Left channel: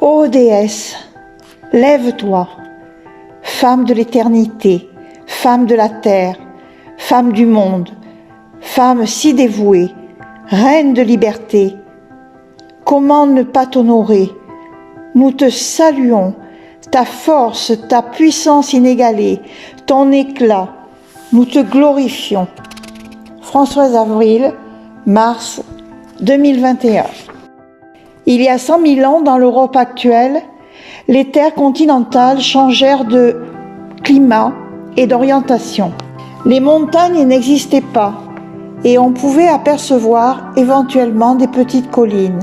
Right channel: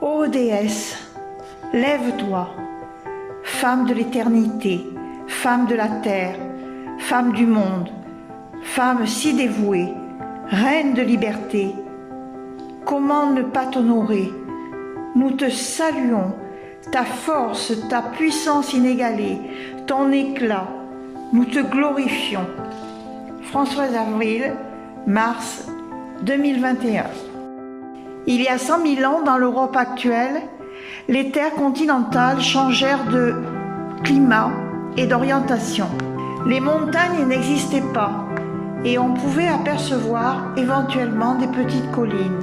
Ô déesse, lève-toi, femme de l'éternité, femme de la terre, femme du monde, femme si dévouée, reine de liberté. Comment ne pas t'honorer? Nous te saluons, ta force, ta puissance inégalée, ton éclat, nous te glorifions. Françoise Avril, mars 2021. Il y a 100 000 ans, dans l'Europe actuelle, les terres continentales changèrent de climat et d'orientation. Les montagnes n'existaient pas et on pouvait apercevoir éventuellement des petites collines.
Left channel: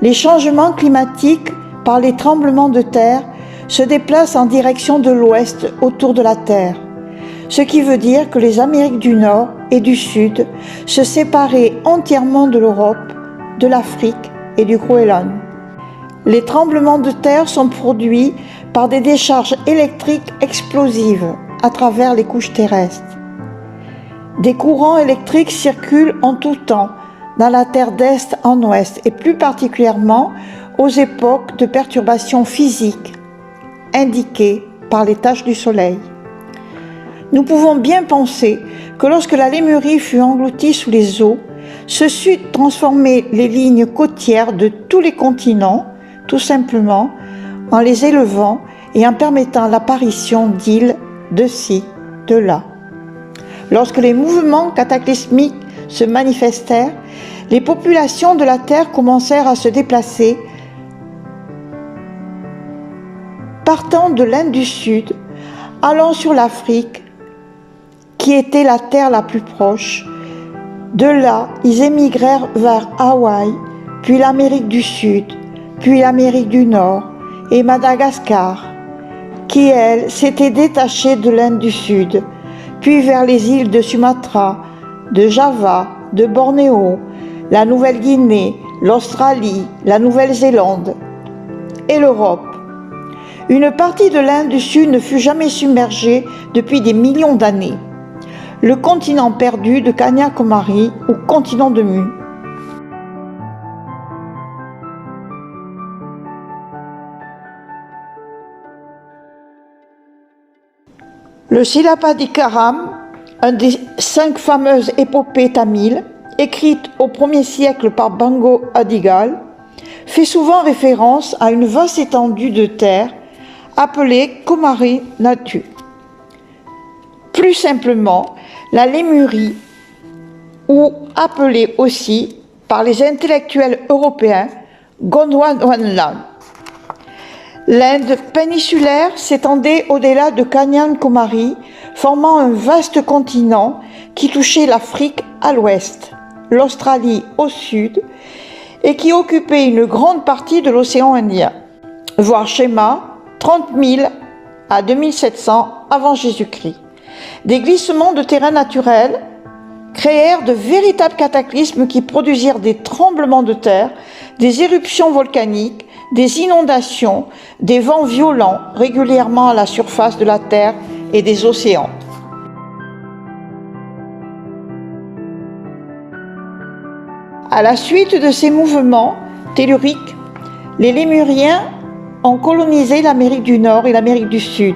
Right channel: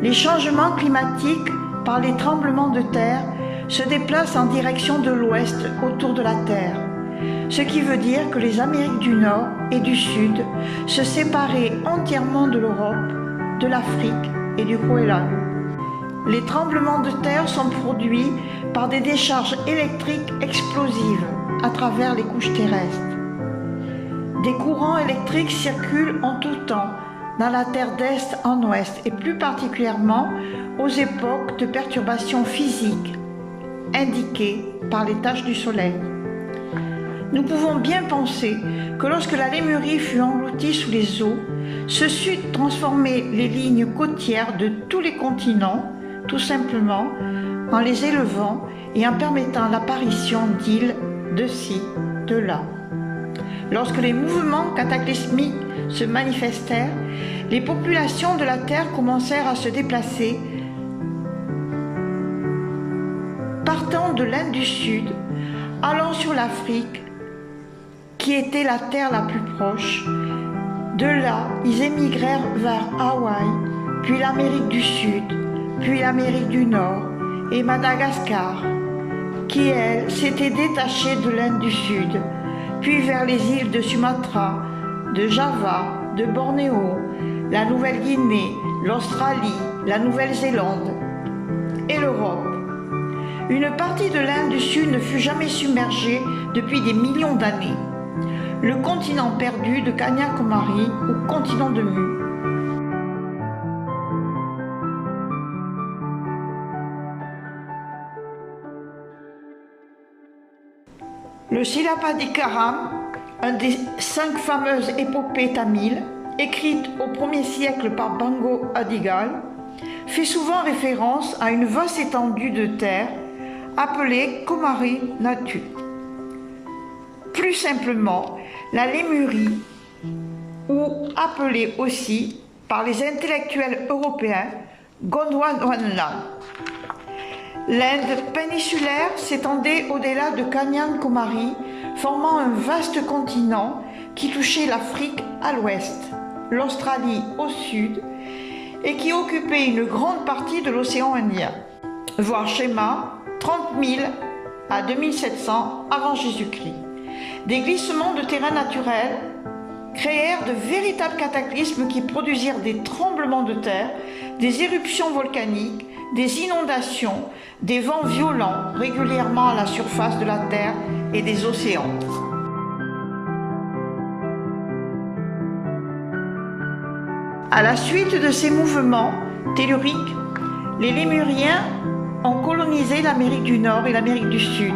Les changements climatiques par les tremblements de terre se déplacent en direction de l'ouest autour de la Terre, ce qui veut dire que les Amériques du Nord et du Sud se séparaient entièrement de l'Europe, de l'Afrique et du Groenland. Les tremblements de terre sont produits par des décharges électriques explosives à travers les couches terrestres. Des courants électriques circulent en tout temps dans la Terre d'est en ouest et plus particulièrement aux époques de perturbations physiques indiquées par les taches du Soleil. Nous pouvons bien penser que lorsque la Lémurie fut engloutie sous les eaux, ce fut transformer les lignes côtières de tous les continents, tout simplement en les élevant et en permettant l'apparition d'îles de ci, de là. Lorsque les mouvements cataclysmiques se manifestèrent, les populations de la Terre commencèrent à se déplacer, partant de l'Inde du Sud, allant sur l'Afrique, qui était la terre la plus proche. De là, ils émigrèrent vers Hawaï, puis l'Amérique du Sud, puis l'Amérique du Nord et Madagascar, qui, elle, s'était détachée de l'Inde du Sud, puis vers les îles de Sumatra, de Java, de Bornéo, la Nouvelle-Guinée, l'Australie, la Nouvelle-Zélande et l'Europe. Une partie de l'Inde du Sud ne fut jamais submergée depuis des millions d'années. Le continent perdu de Kanyakumari ou continent de Mu. Le Silappadikaram, un des 5 fameuses épopées tamiles, écrite au 1er siècle par Bango Adigal, fait souvent référence à une vaste étendue de terre appelée Kumari Natu. Plus simplement, la Lémurie, ou appelée aussi par les intellectuels européens Gondwana. L'Inde péninsulaire s'étendait au-delà de Kanyakumari, formant un vaste continent qui touchait l'Afrique à l'ouest, l'Australie au sud et qui occupait une grande partie de l'océan Indien. Voir schéma 30 000 à 2700 avant Jésus-Christ. Des glissements de terrain naturels créèrent de véritables cataclysmes qui produisirent des tremblements de terre, des éruptions volcaniques, des inondations, des vents violents régulièrement à la surface de la Terre et des océans. À la suite de ces mouvements telluriques, les Lémuriens ont colonisé l'Amérique du Nord et l'Amérique du Sud,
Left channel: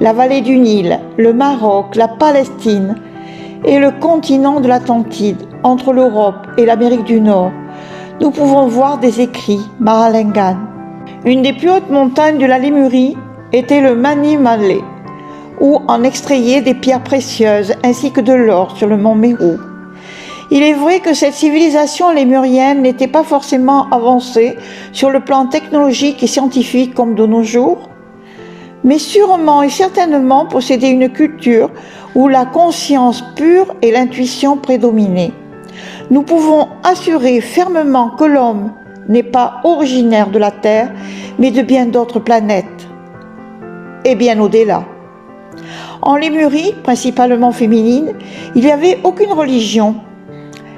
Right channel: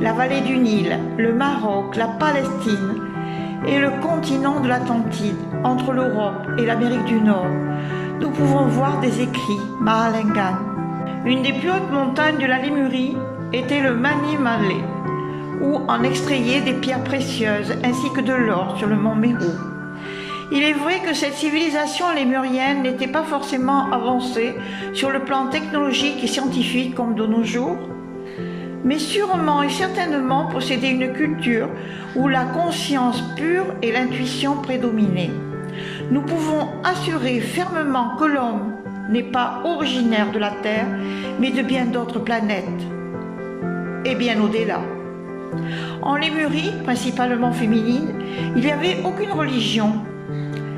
la vallée du Nil, le Maroc, la Palestine et le continent de l'Atlantide, entre l'Europe et l'Amérique du Nord. Nous pouvons voir des écrits Mahalingan. Une des plus hautes montagnes de la Lémurie était le Mani Malé, où on extrayait des pierres précieuses ainsi que de l'or sur le mont Méru. Il est vrai que cette civilisation lémurienne n'était pas forcément avancée sur le plan technologique et scientifique comme de nos jours, mais sûrement et certainement possédait une culture où la conscience pure et l'intuition prédominaient. Nous pouvons assurer fermement que l'homme n'est pas originaire de la Terre, mais de bien d'autres planètes, et bien au-delà. En Lémurie, principalement féminine, il n'y avait aucune religion.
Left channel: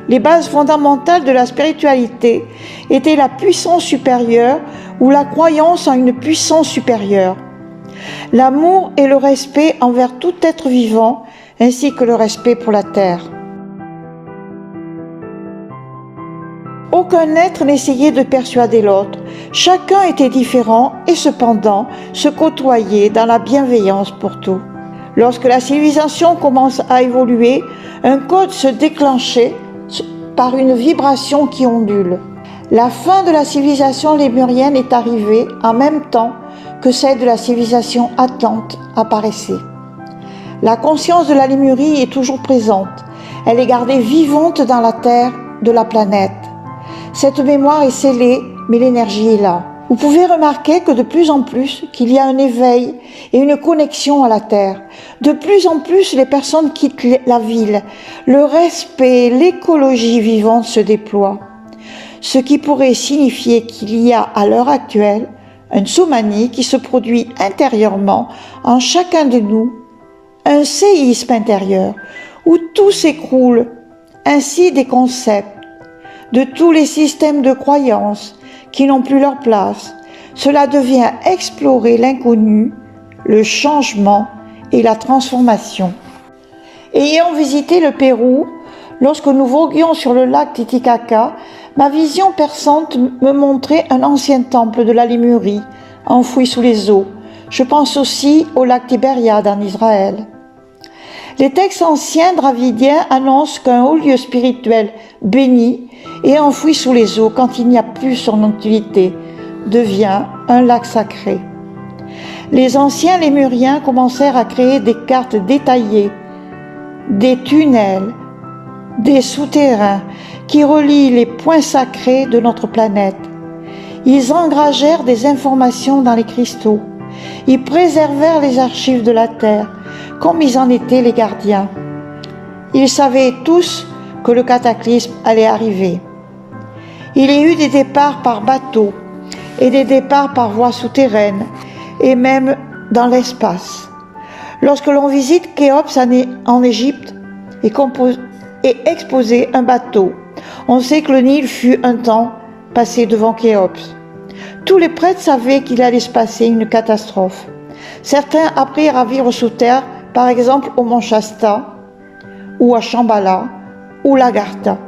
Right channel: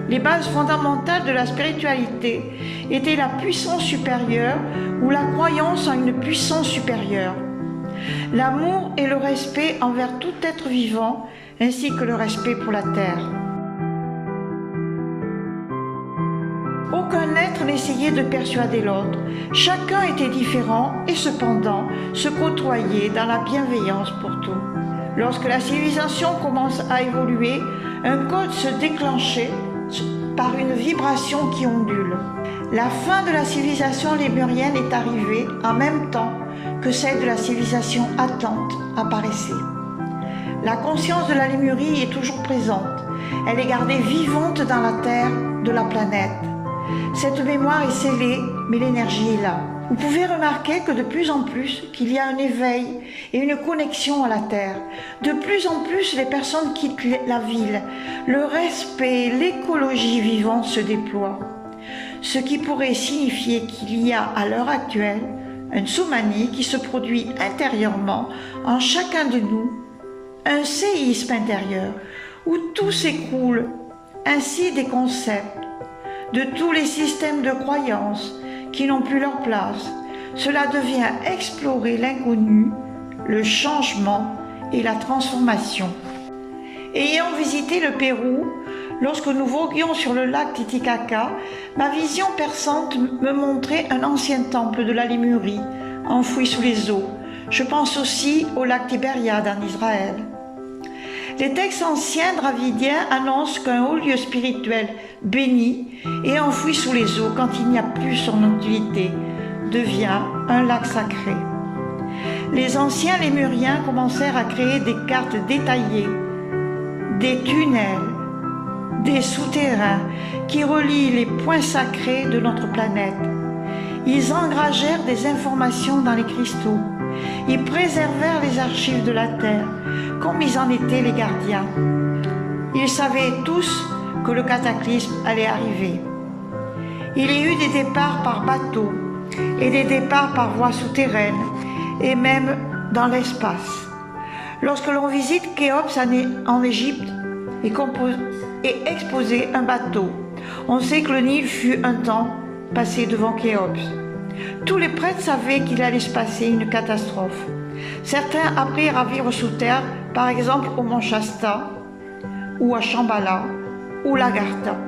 Les bases fondamentales de la spiritualité étaient la puissance supérieure ou la croyance en une puissance supérieure, l'amour et le respect envers tout être vivant, ainsi que le respect pour la terre. Aucun être n'essayait de persuader l'autre. Chacun était différent et cependant se côtoyait dans la bienveillance pour tout. Lorsque la civilisation commence à évoluer, un code se déclenchait par une vibration qui ondule. La fin de la civilisation lémurienne est arrivée en même temps que celle de la civilisation atlante apparaissait. La conscience de la Lémurie est toujours présente. Elle est gardée vivante dans la terre de la planète. Cette mémoire est scellée, mais l'énergie est là. Vous pouvez remarquer que de plus en plus, qu'il y a un éveil et une connexion à la terre. De plus en plus, les personnes quittent la ville. Le respect, l'écologie vivante se déploient. Ce qui pourrait signifier qu'il y a à l'heure actuelle un tsunami qui se produit intérieurement en chacun de nous, un séisme intérieur où tout s'écroule, ainsi des concepts, de tous les systèmes de croyances qui n'ont plus leur place. Cela devient explorer l'inconnu, le changement et la transformation. Ayant visité le Pérou, lorsque nous voguions sur le lac Titicaca, ma vision perçante me montrait un ancien temple de la Lémurie, enfoui sous les eaux. Je pense aussi au lac Tibériade en Israël. Les textes anciens dravidiens annoncent qu'un haut lieu spirituel béni et enfoui sous les eaux quand il n'y a plus son utilité devient un lac sacré. Les anciens lémuriens commencèrent à créer des cartes détaillées, des tunnels, des souterrains qui relient les points sacrés de notre planète. Ils engagèrent des informations dans les cristaux. Ils préservèrent les archives de la Terre, comme ils en étaient les gardiens. Ils savaient tous que le cataclysme allait arriver. Il y eut des départs par bateau et des départs par voie souterraine et même dans l'espace. Lorsque l'on visite Khéops en Égypte et exposé un bateau, on sait que le Nil fut un temps passé devant Khéops. Tous les prêtres savaient qu'il allait se passer une catastrophe. Certains apprirent à vivre sous terre, par exemple au mont Shasta, ou à Shambhala, ou l'Agartha.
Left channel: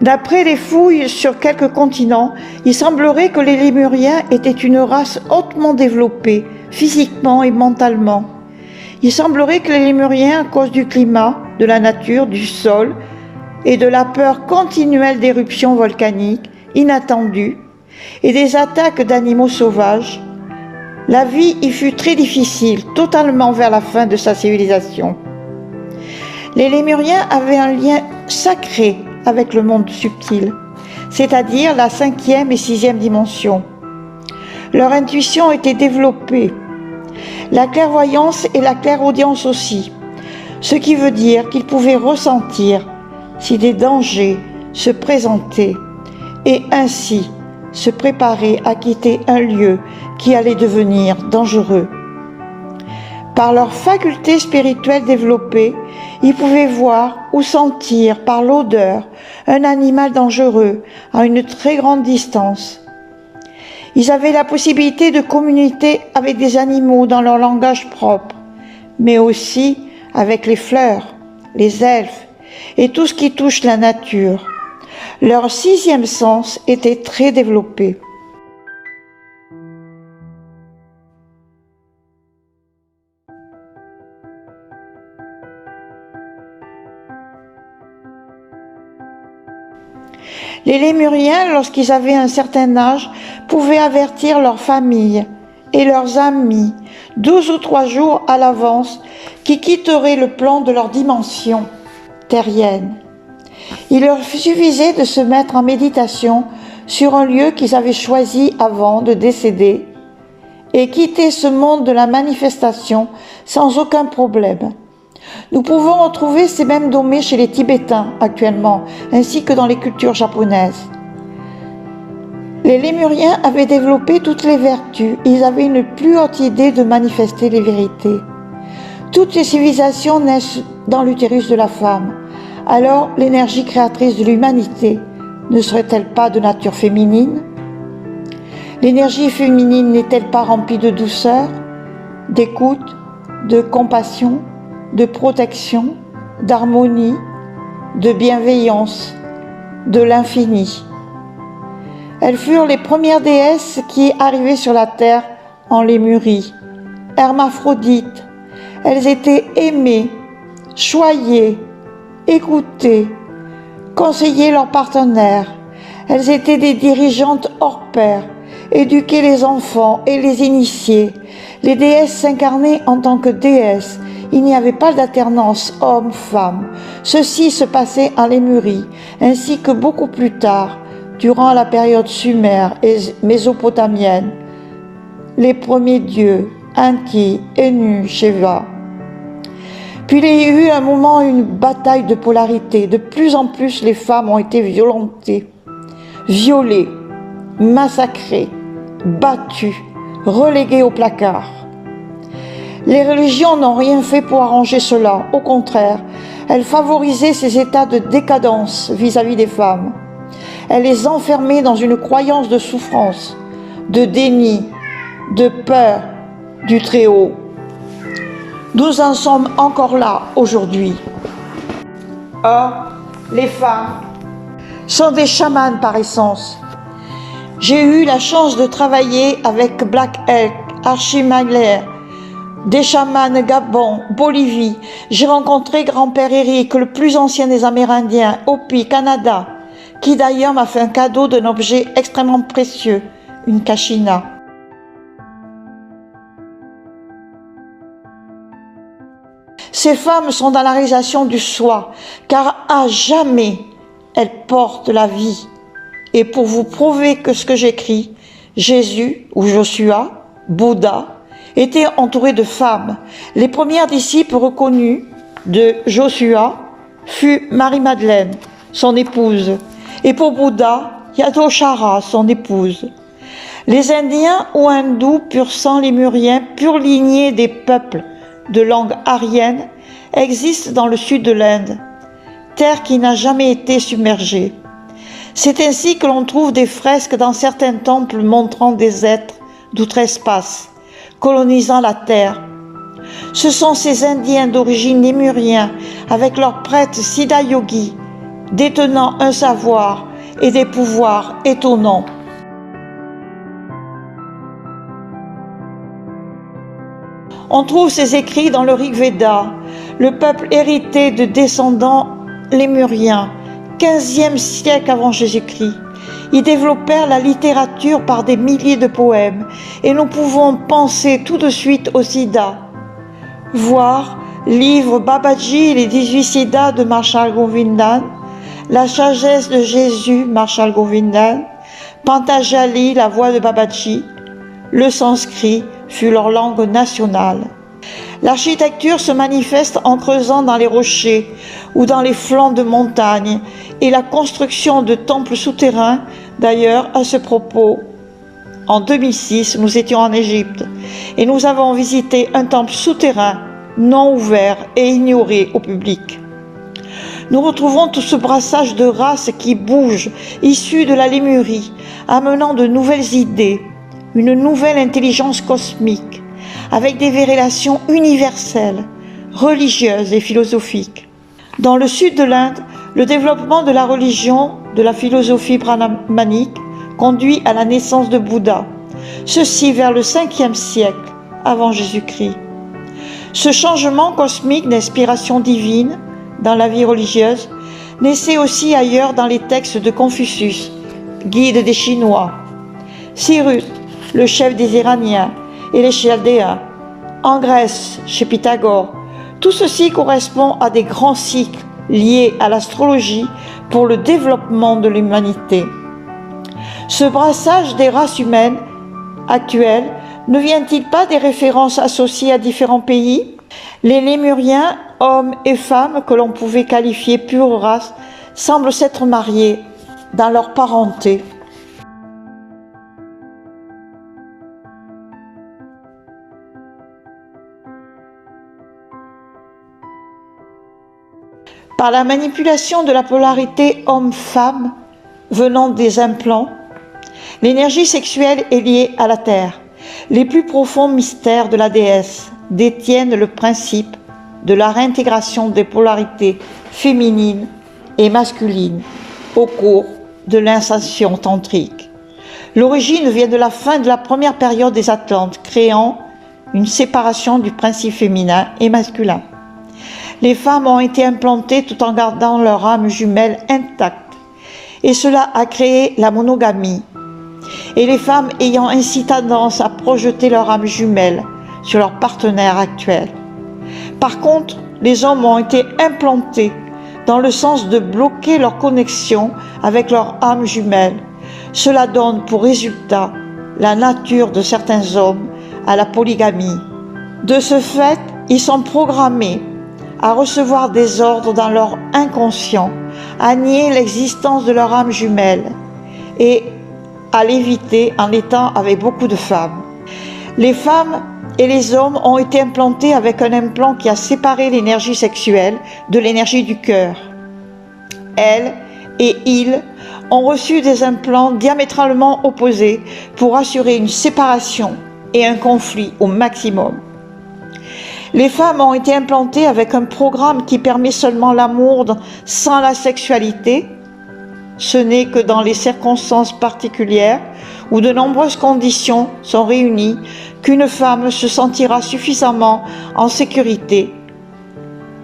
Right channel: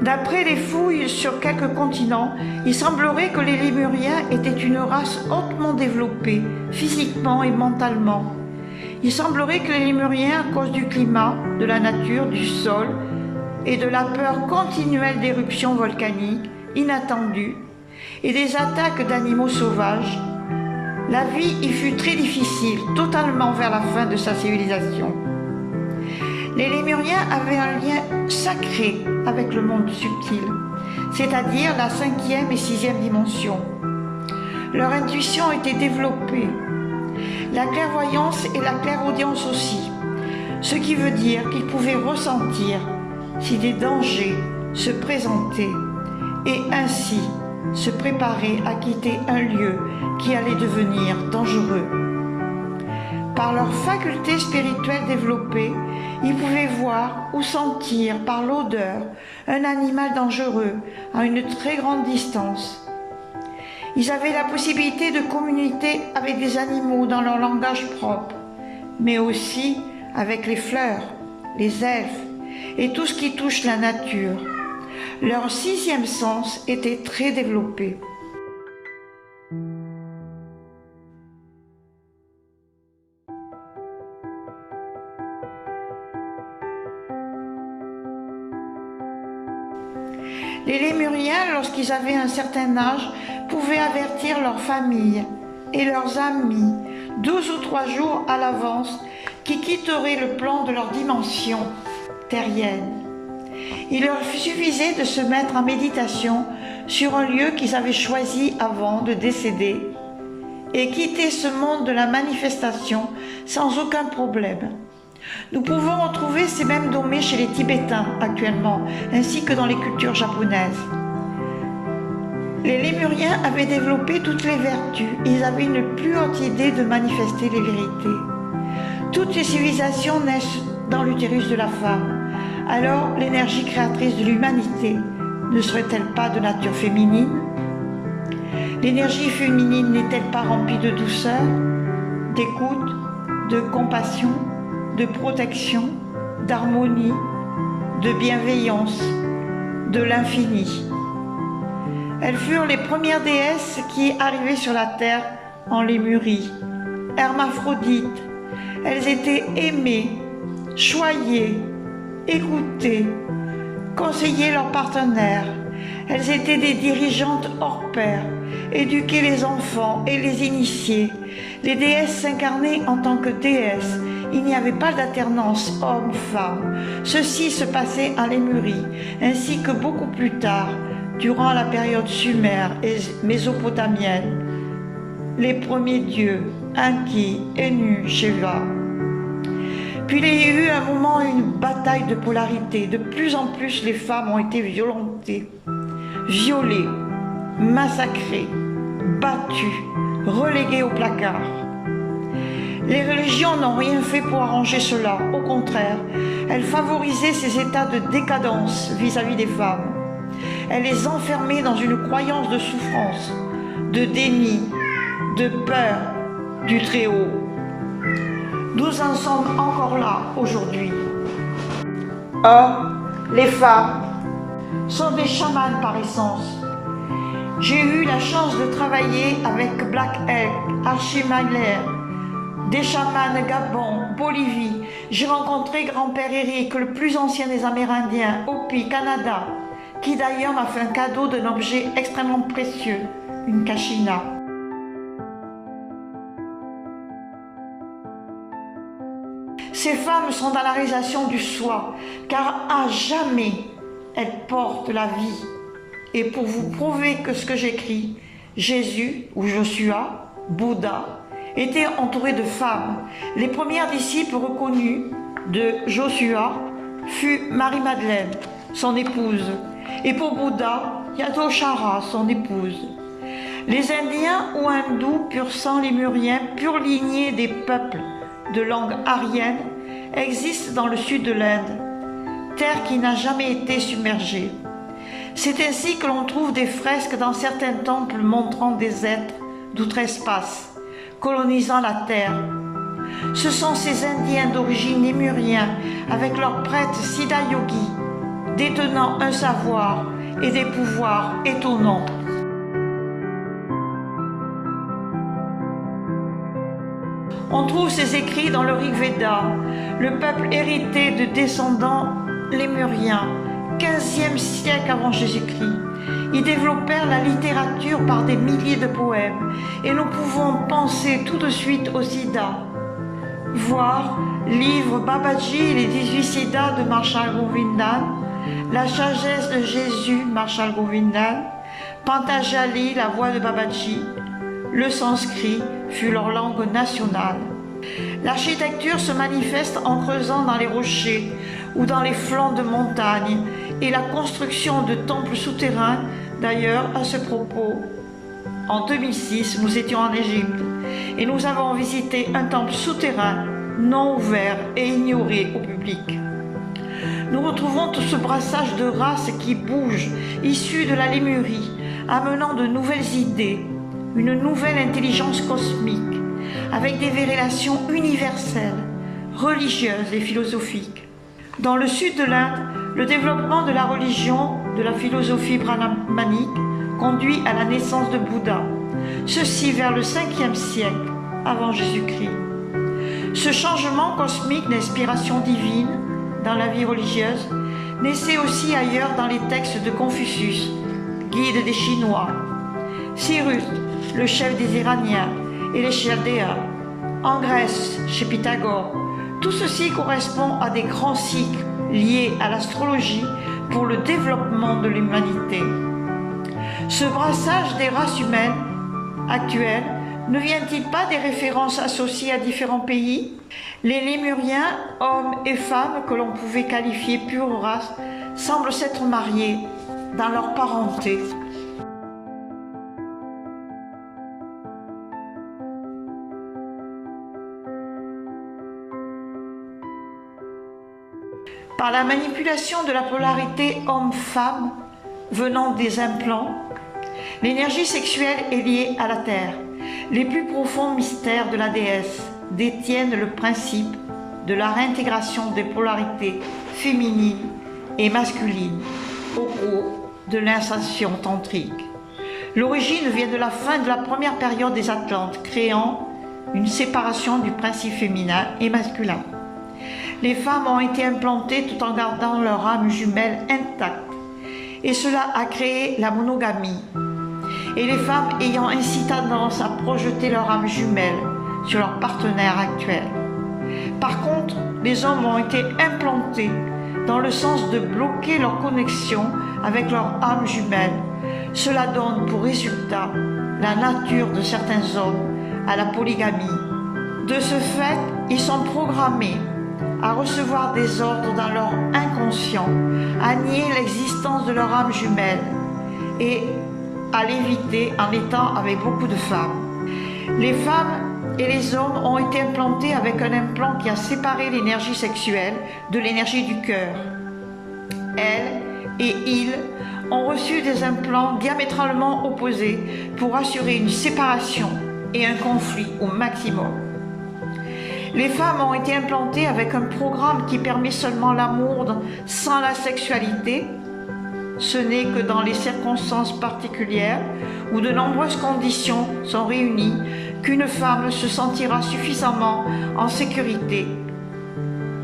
D'après les fouilles sur quelques continents, il semblerait que les Lémuriens étaient une race hautement développée, physiquement et mentalement. Il semblerait que les Lémuriens, à cause du climat, de la nature, du sol et de la peur continuelle d'éruptions volcaniques inattendues et des attaques d'animaux sauvages, la vie y fut très difficile, totalement vers la fin de sa civilisation. Les Lémuriens avaient un lien sacré avec le monde subtil, c'est-à-dire la 5e et 6e dimension. Leur intuition était développée, la clairvoyance et la clairaudience aussi, ce qui veut dire qu'ils pouvaient ressentir si des dangers se présentaient et ainsi se préparer à quitter un lieu qui allait devenir dangereux. Par leur faculté spirituelle développée, ils pouvaient voir ou sentir par l'odeur un animal dangereux à une très grande distance. Ils avaient la possibilité de communiquer avec des animaux dans leur langage propre, mais aussi avec les fleurs, les elfes et tout ce qui touche la nature. Leur 6e sens était très développé. Les Lémuriens, lorsqu'ils avaient un certain âge, pouvaient avertir leur famille et leurs amis 12 ou 3 jours à l'avance qui quitteraient le plan de leur dimension terrienne. Il leur suffisait de se mettre en méditation sur un lieu qu'ils avaient choisi avant de décéder et quitter ce monde de la manifestation sans aucun problème. Nous pouvons retrouver ces mêmes domaines chez les Tibétains actuellement, ainsi que dans les cultures japonaises. Les Lémuriens avaient développé toutes les vertus, ils avaient une plus haute idée de manifester les vérités. Toutes les civilisations naissent dans l'utérus de la femme. Alors l'énergie créatrice de l'humanité ne serait-elle pas de nature féminine? L'énergie féminine n'est-elle pas remplie de douceur, d'écoute, de compassion, de protection, d'harmonie, de bienveillance, de l'infini. Elles furent les premières déesses qui arrivaient sur la terre en Lémurie, hermaphrodites. Elles étaient aimées, choyées, écoutées, conseillaient leurs partenaires. Elles étaient des dirigeantes hors pair, éduquaient les enfants et les initiaient. Les déesses s'incarnaient en tant que déesses. Il n'y avait pas d'alternance homme-femme. Ceci se passait en Lémurie, ainsi que beaucoup plus tard, durant la période sumère et mésopotamienne. Les premiers dieux, Enki, Enu, Sheva. Puis il y a eu un moment, une bataille de polarité. De plus en plus, les femmes ont été violentées, violées, massacrées, battues, reléguées au placard. Les religions n'ont rien fait pour arranger cela. Au contraire, elles favorisaient ces états de décadence vis-à-vis des femmes. Elles les enfermaient dans une croyance de souffrance, de déni, de peur du Très-Haut. Nous en sommes encore là aujourd'hui. Or, les femmes sont des chamanes par essence. J'ai eu la chance de travailler avec Black Elk, Archimaglaire, des chamans Gabon, Bolivie. J'ai rencontré grand-père Eric, le plus ancien des Amérindiens, Hopi, Canada, qui d'ailleurs m'a fait un cadeau d'un objet extrêmement précieux, une kachina. Ces femmes sont dans la réalisation du soi, car à jamais elles portent la vie. Et pour vous prouver que ce que j'écris, Jésus ou Joshua, Bouddha, était entouré de femmes. Les premières disciples reconnues de Joshua fut Marie-Madeleine, son épouse, et pour Bouddha, Yadoshara, son épouse. Les Indiens ou hindous pur sang lémuriens, pure lignée des peuples de langue aryenne, existent dans le sud de l'Inde, terre qui n'a jamais été submergée. C'est ainsi que l'on trouve des fresques dans certains temples montrant des êtres d'outre-espace, colonisant la terre. Ce sont ces Indiens d'origine lémurien, avec leurs prêtres Siddha Yogi, détenant un savoir et des pouvoirs étonnants. On trouve ces écrits dans le Rig Veda, le peuple hérité de descendants lémuriens, 15e siècle avant Jésus-Christ. Ils développèrent la littérature par des milliers de poèmes, et nous pouvons penser tout de suite au Siddha. Voir livre Babaji et les 18 Siddhas de Marshall Govindan, La sagesse de Jésus, Marshall Govindan, Pantajali, la voix de Babaji. Le sanskrit fut leur langue nationale. L'architecture se manifeste en creusant dans les rochers ou dans les flancs de montagnes et la construction de temples souterrains. D'ailleurs, à ce propos, en 2006, nous étions en Égypte et nous avons visité un temple souterrain non ouvert et ignoré au public. Nous retrouvons tout ce brassage de races qui bougent, issus de la Lémurie, amenant de nouvelles idées, une nouvelle intelligence cosmique, avec des révélations universelles, religieuses et philosophiques. Dans le sud de l'Inde, le développement de la religion, de la philosophie brahmanique, conduit à la naissance de Bouddha, ceci vers le 5e siècle avant Jésus-Christ. Ce changement cosmique d'inspiration divine dans la vie religieuse naissait aussi ailleurs dans les textes de Confucius, guide des Chinois, Cyrus, le chef des Iraniens et les Chaldéens, en Grèce, chez Pythagore. Tout ceci correspond à des grands cycles liés à l'astrologie pour le développement de l'humanité. Ce brassage des races humaines actuelles ne vient-il pas des références associées à différents pays? Les Lémuriens, hommes et femmes que l'on pouvait qualifier pure race, semblent s'être mariés dans leur parenté. Par la manipulation de la polarité homme-femme venant des implants, l'énergie sexuelle est liée à la Terre. Les plus profonds mystères de la déesse détiennent le principe de la réintégration des polarités féminines et masculines au cours de l'initiation tantrique. L'origine vient de la fin de la première période des Atlantes, créant une séparation du principe féminin et masculin. Les femmes ont été implantées tout en gardant leur âme jumelle intacte, et cela a créé la monogamie. Et les femmes ayant ainsi tendance à projeter leur âme jumelle sur leur partenaire actuel. Par contre, les hommes ont été implantés dans le sens de bloquer leur connexion avec leur âme jumelle. Cela donne pour résultat la nature de certains hommes à la polygamie. De ce fait, ils sont programmés à recevoir des ordres dans leur inconscient, à nier l'existence de leur âme jumelle et à l'éviter en étant avec beaucoup de femmes. Les femmes et les hommes ont été implantés avec un implant qui a séparé l'énergie sexuelle de l'énergie du cœur. Elles et ils ont reçu des implants diamétralement opposés pour assurer une séparation et un conflit au maximum. Les femmes ont été implantées avec un programme qui permet seulement l'amour sans la sexualité. Ce n'est que dans les circonstances particulières où de nombreuses conditions sont réunies qu'une femme se sentira suffisamment en sécurité,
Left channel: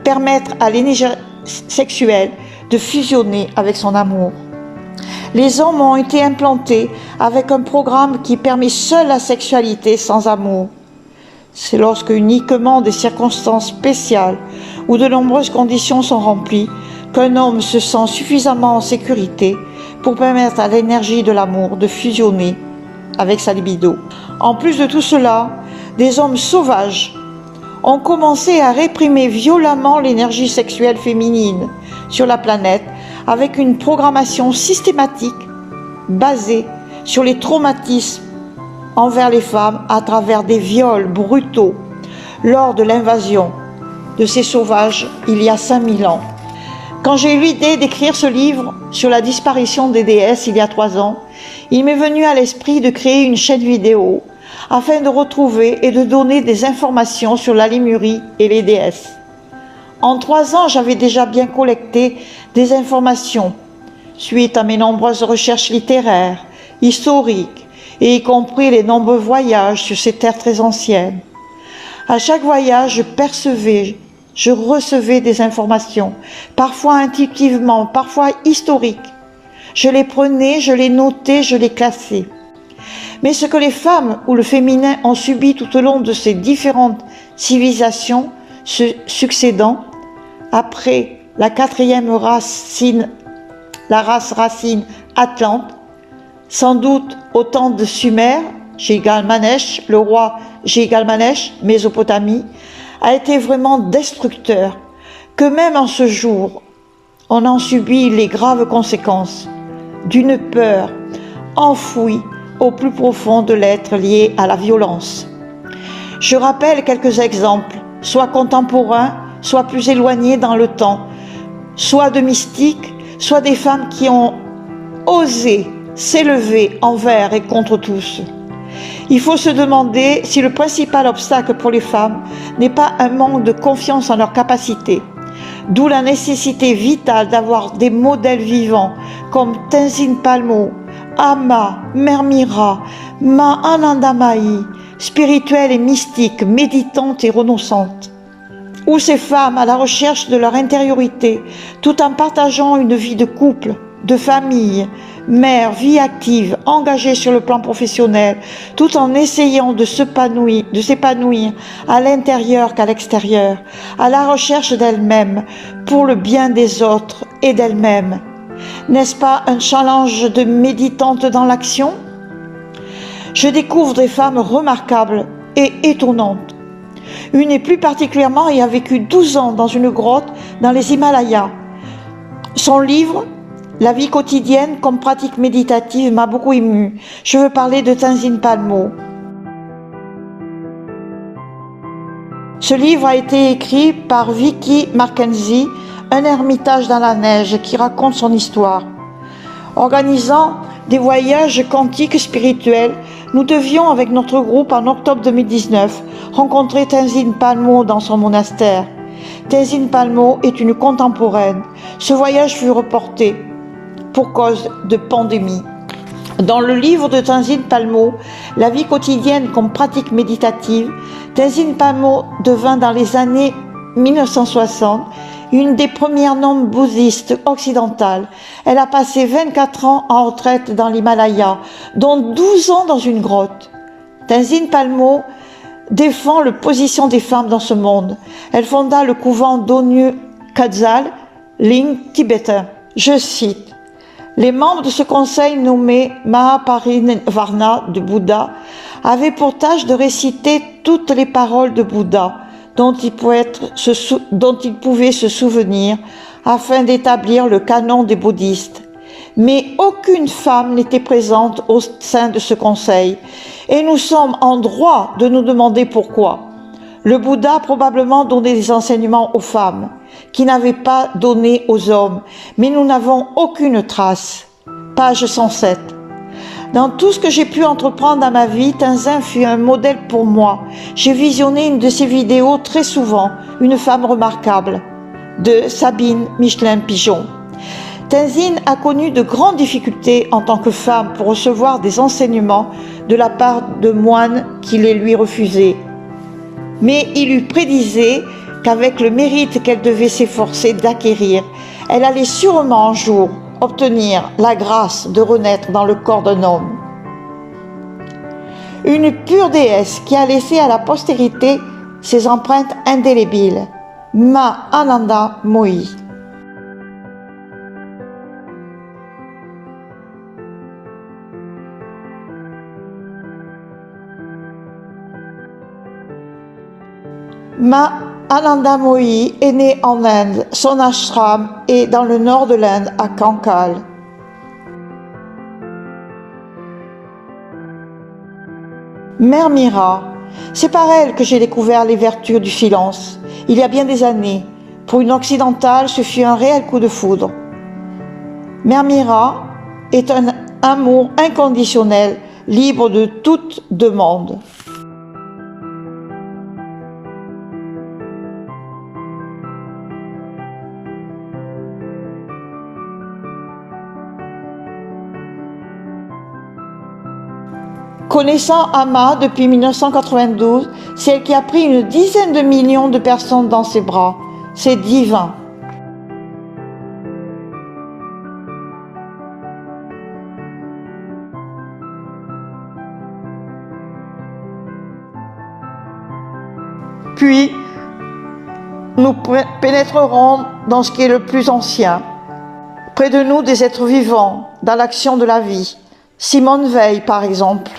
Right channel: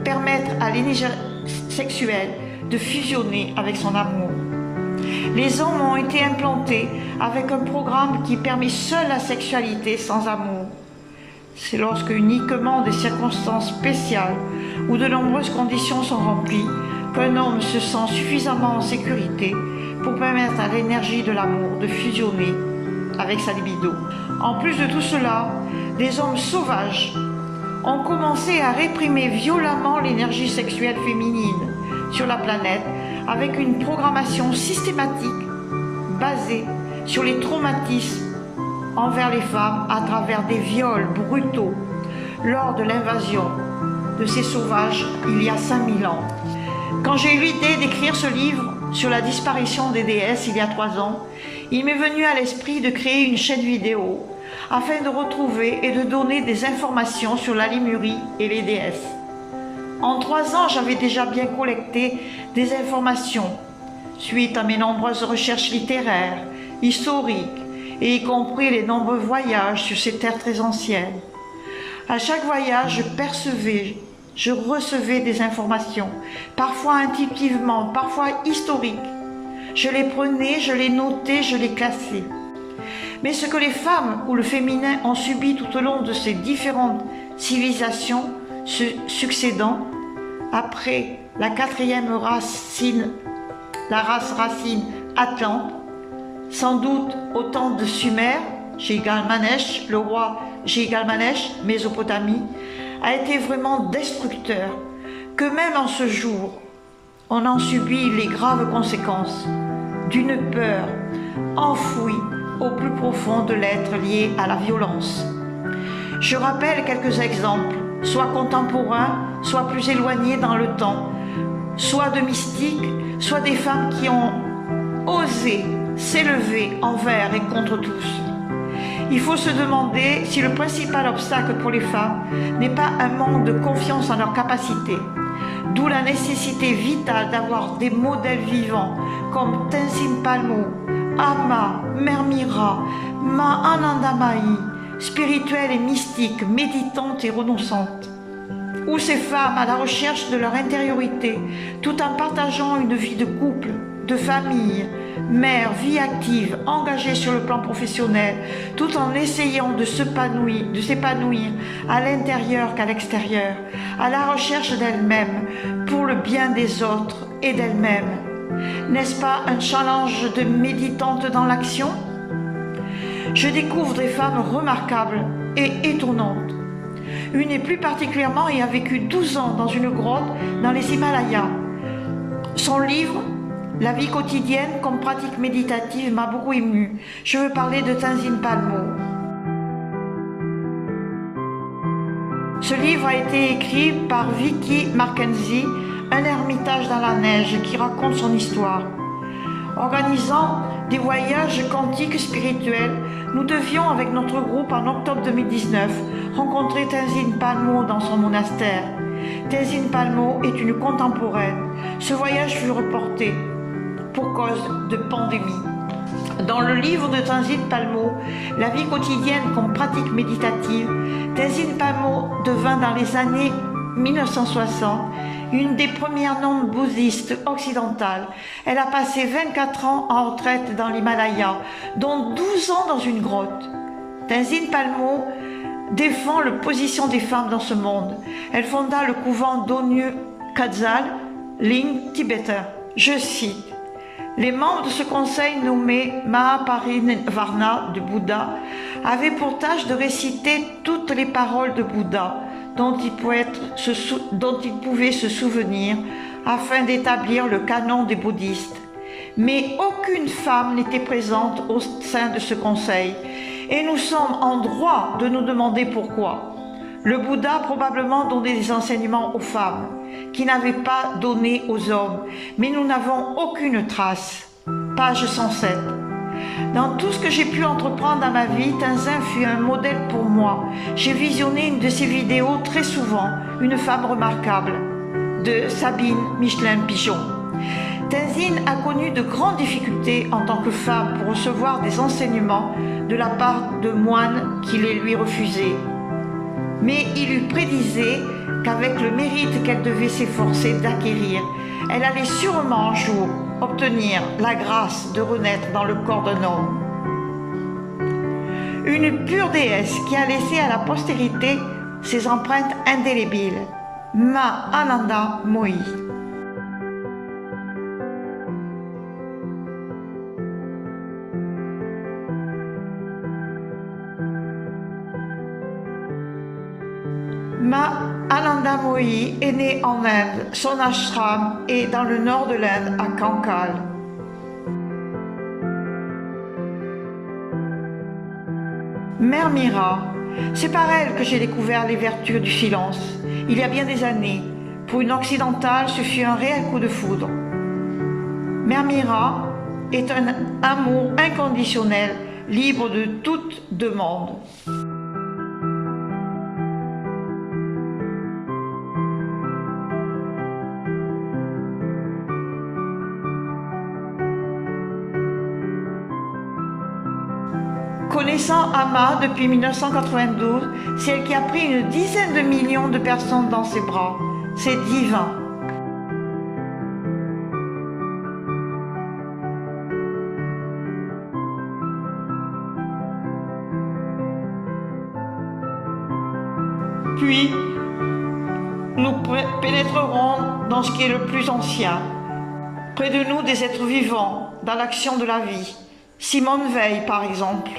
permettre à l'énergie sexuelle de fusionner avec son amour. Les hommes ont été implantés avec un programme qui permet seule la sexualité sans amour. C'est lorsque uniquement des circonstances spéciales ou de nombreuses conditions sont remplies qu'un homme se sent suffisamment en sécurité pour permettre à l'énergie de l'amour de fusionner avec sa libido. En plus de tout cela, des hommes sauvages ont commencé à réprimer violemment l'énergie sexuelle féminine sur la planète avec une programmation systématique basée sur les traumatismes envers les femmes à travers des viols brutaux lors de l'invasion de ces sauvages il y a 5000 ans. Quand j'ai eu l'idée d'écrire ce livre sur la disparition des déesses il y a 3 ans, il m'est venu à l'esprit de créer une chaîne vidéo afin de retrouver et de donner des informations sur la Lémurie et les déesses. En 3 ans, j'avais déjà bien collecté des informations suite à mes nombreuses recherches littéraires, historiques, et y compris les nombreux voyages sur ces terres très anciennes. À chaque voyage, je recevais des informations, parfois intuitivement, parfois historiques. Je les prenais, je les notais, je les classais. Mais ce que les femmes ou le féminin ont subi tout au long de ces différentes civilisations se succédant, après la 4e racine, la race racine Atlante, sans doute au temps de Sumer, Gilgamesh, le roi Gilgamesh, Mésopotamie, a été vraiment destructeur, que même en ce jour, on en subit les graves conséquences d'une peur enfouie au plus profond de l'être lié à la violence. Je rappelle quelques exemples, soit contemporains, soit plus éloignés dans le temps, soit de mystiques, soit des femmes qui ont osé s'élever envers et contre tous. Il faut se demander si le principal obstacle pour les femmes n'est pas un manque de confiance en leurs capacités, d'où la nécessité vitale d'avoir des modèles vivants comme Tenzin Palmo, Ama, Mère Mira, Ma Anandamayi, spirituelle et mystique, méditante et renonçante. Ou ces femmes à la recherche de leur intériorité, tout en partageant une vie de couple, de famille, mère, vie active, engagée sur le plan professionnel, tout en essayant de s'épanouir à l'intérieur qu'à l'extérieur, à la recherche d'elles-mêmes, pour le bien des autres et d'elles-mêmes. N'est-ce pas un challenge de méditante dans l'action? Je découvre des femmes remarquables et étonnantes. Une et plus particulièrement y a vécu 12 ans dans une grotte dans les Himalayas. Son livre, La vie quotidienne comme pratique méditative, m'a beaucoup émue. Je veux parler de Tenzin Palmo. Ce livre a été écrit par Vicky Mackenzie, un ermitage dans la neige qui raconte son histoire. Organisant des voyages quantiques spirituels, nous devions, avec notre groupe en octobre 2019, rencontrer Tenzin Palmo dans son monastère. Tenzin Palmo est une contemporaine. Ce voyage fut reporté. pour cause de pandémie. Dans le livre de Tenzin Palmo, La vie quotidienne comme pratique méditative, Tenzin Palmo devint dans les années 1960 une des premières nonnes bouddhistes occidentales. Elle a passé 24 ans en retraite dans l'Himalaya, dont 12 ans dans une grotte. Tenzin Palmo défend la position des femmes dans ce monde. Elle fonda le couvent d'Onyu Kadzal, Ling tibétain. Je cite: les membres de ce conseil nommé Mahaparinivarna de Bouddha avaient pour tâche de réciter toutes les paroles de Bouddha dont ils pouvaient se souvenir afin d'établir le canon des bouddhistes. Mais aucune femme n'était présente au sein de ce conseil et nous sommes en droit de nous demander pourquoi. Le Bouddha a probablement donné des enseignements aux femmes qui n'avaient pas donné aux hommes, mais nous n'avons aucune trace. Page 107. Dans tout ce que j'ai pu entreprendre dans ma vie, Tenzin fut un modèle pour moi. J'ai visionné une de ses vidéos très souvent, Une femme remarquable, de Sabine Michelin-Pigeon. Tenzin a connu de grandes difficultés en tant que femme pour recevoir des enseignements de la part de moines qui les lui refusaient. Mais il lui prédisait qu'avec le mérite qu'elle devait s'efforcer d'acquérir, elle allait sûrement un jour obtenir la grâce de renaître dans le corps d'un homme. Une pure déesse qui a laissé à la postérité ses empreintes indélébiles, Ma Ananda Mohi. Ma Ananda Mohi est née en Inde. Son ashram est dans le nord de l'Inde, à Kankal. Mère Mira, c'est par elle que j'ai découvert les vertus du silence. Il y a bien des années, pour une occidentale, ce fut un réel coup de foudre. Mère Mira est un amour inconditionnel, libre de toute demande. Connaissant Amma depuis 1992, c'est elle qui a pris une dizaine de millions de personnes dans ses bras. C'est divin. Puis, nous pénétrerons dans ce qui est le plus ancien. Près de nous, des êtres vivants, dans l'action de la vie. Simone Veil, par exemple.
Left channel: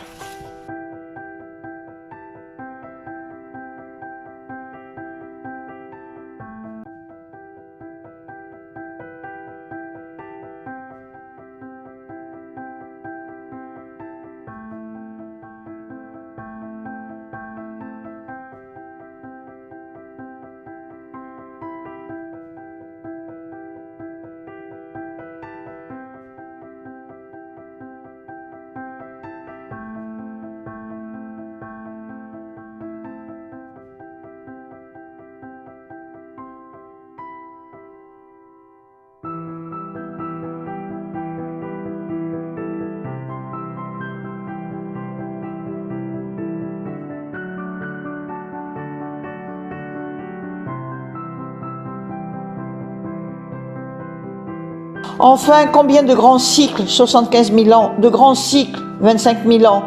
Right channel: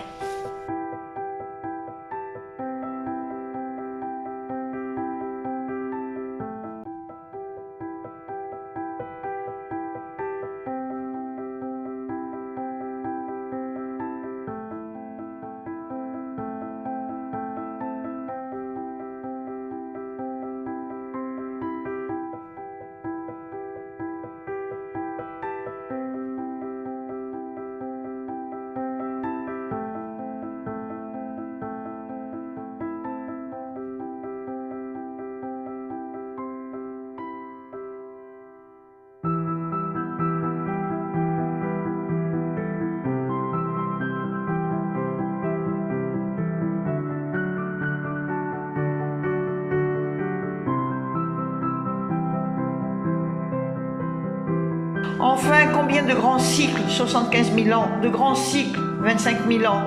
Enfin, combien de grands cycles, 75 000 ans, de grands cycles, 25 000 ans,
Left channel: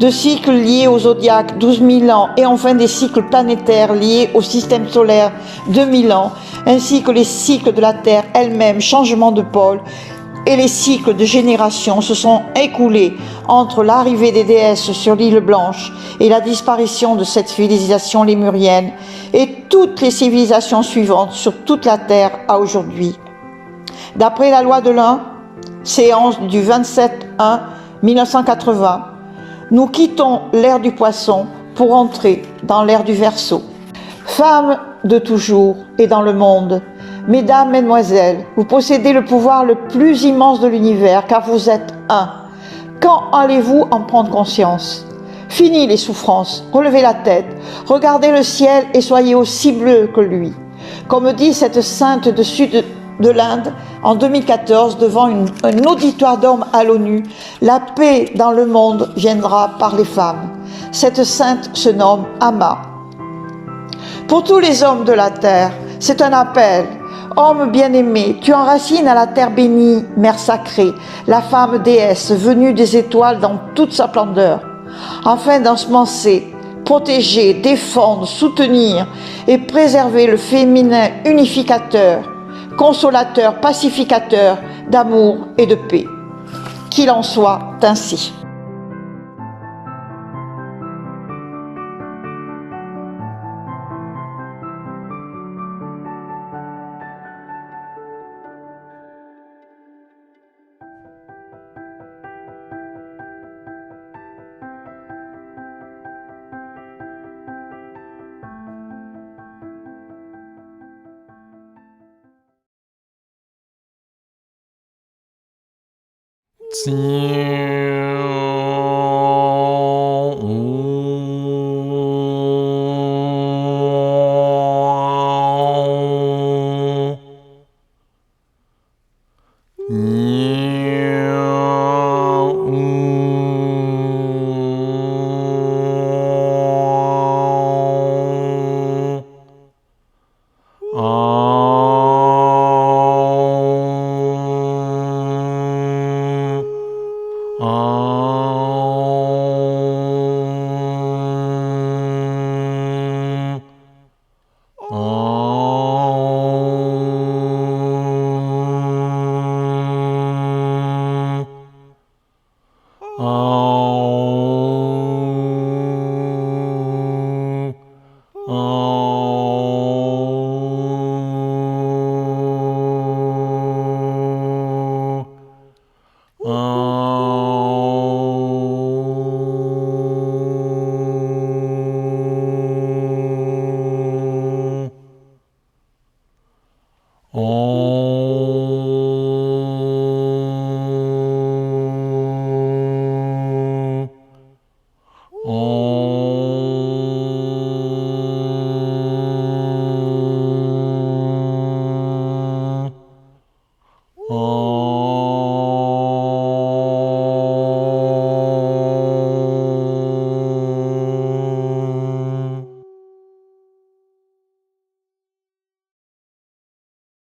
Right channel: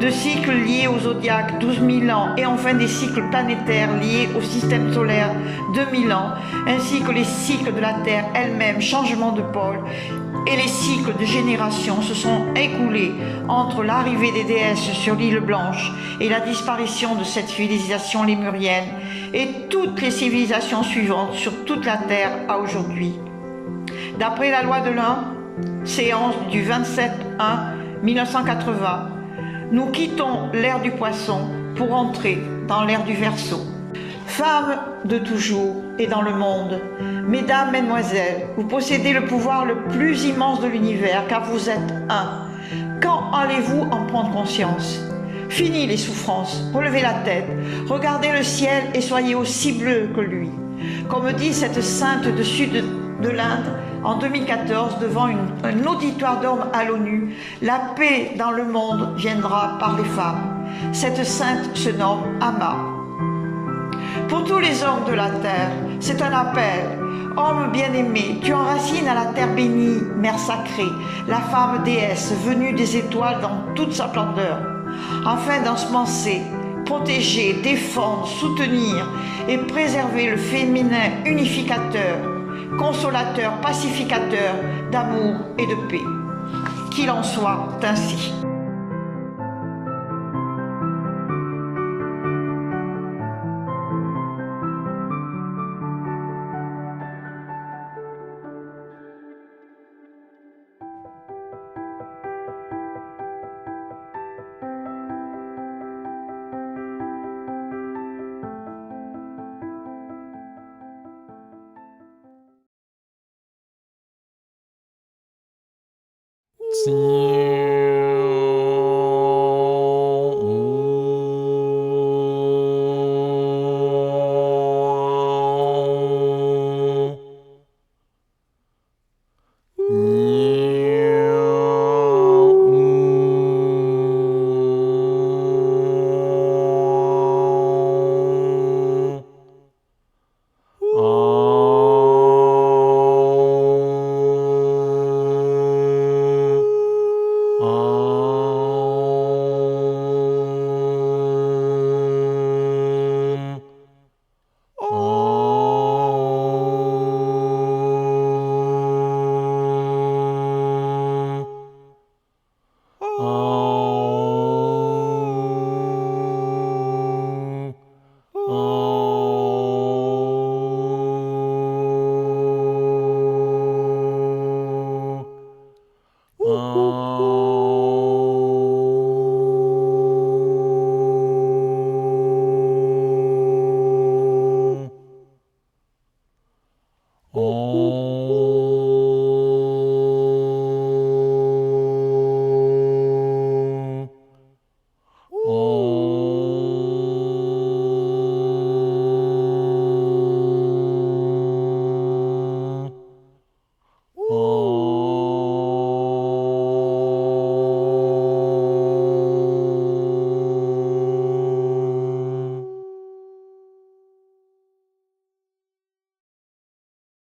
de cycles liés au zodiaque, 12 000 ans, et enfin des cycles planétaires liés au système solaire, 2000 ans, ainsi que les cycles de la Terre elle-même, changement de pôle, et les cycles de génération se sont écoulés entre l'arrivée des déesses sur l'île Blanche et la disparition de cette civilisation lémurienne, et toutes les civilisations suivantes sur toute la Terre à aujourd'hui. D'après la loi de l'Un, séance du 27-1-1980, nous quittons l'ère du Poisson pour entrer dans l'ère du Verseau. Femmes de toujours et dans le monde, mesdames, mesdemoiselles, vous possédez le pouvoir le plus immense de l'univers car vous êtes un. Quand allez-vous en prendre conscience ? Fini les souffrances, relevez la tête, regardez le ciel et soyez aussi bleu que lui. Comme dit cette sainte du sud de l'Inde, en 2014 devant un auditoire d'hommes à l'ONU. La paix dans le monde viendra par les femmes. Cette sainte se nomme Amma. Pour tous les hommes de la terre, c'est un appel. Homme bien-aimé, tu enracines à la terre bénie, mère sacrée, la femme déesse venue des étoiles dans toute sa splendeur, afin d'ensemencer, protéger, défendre, soutenir et préserver le féminin unificateur, consolateur, pacificateur d'amour et de paix. Qu'il en soit ainsi.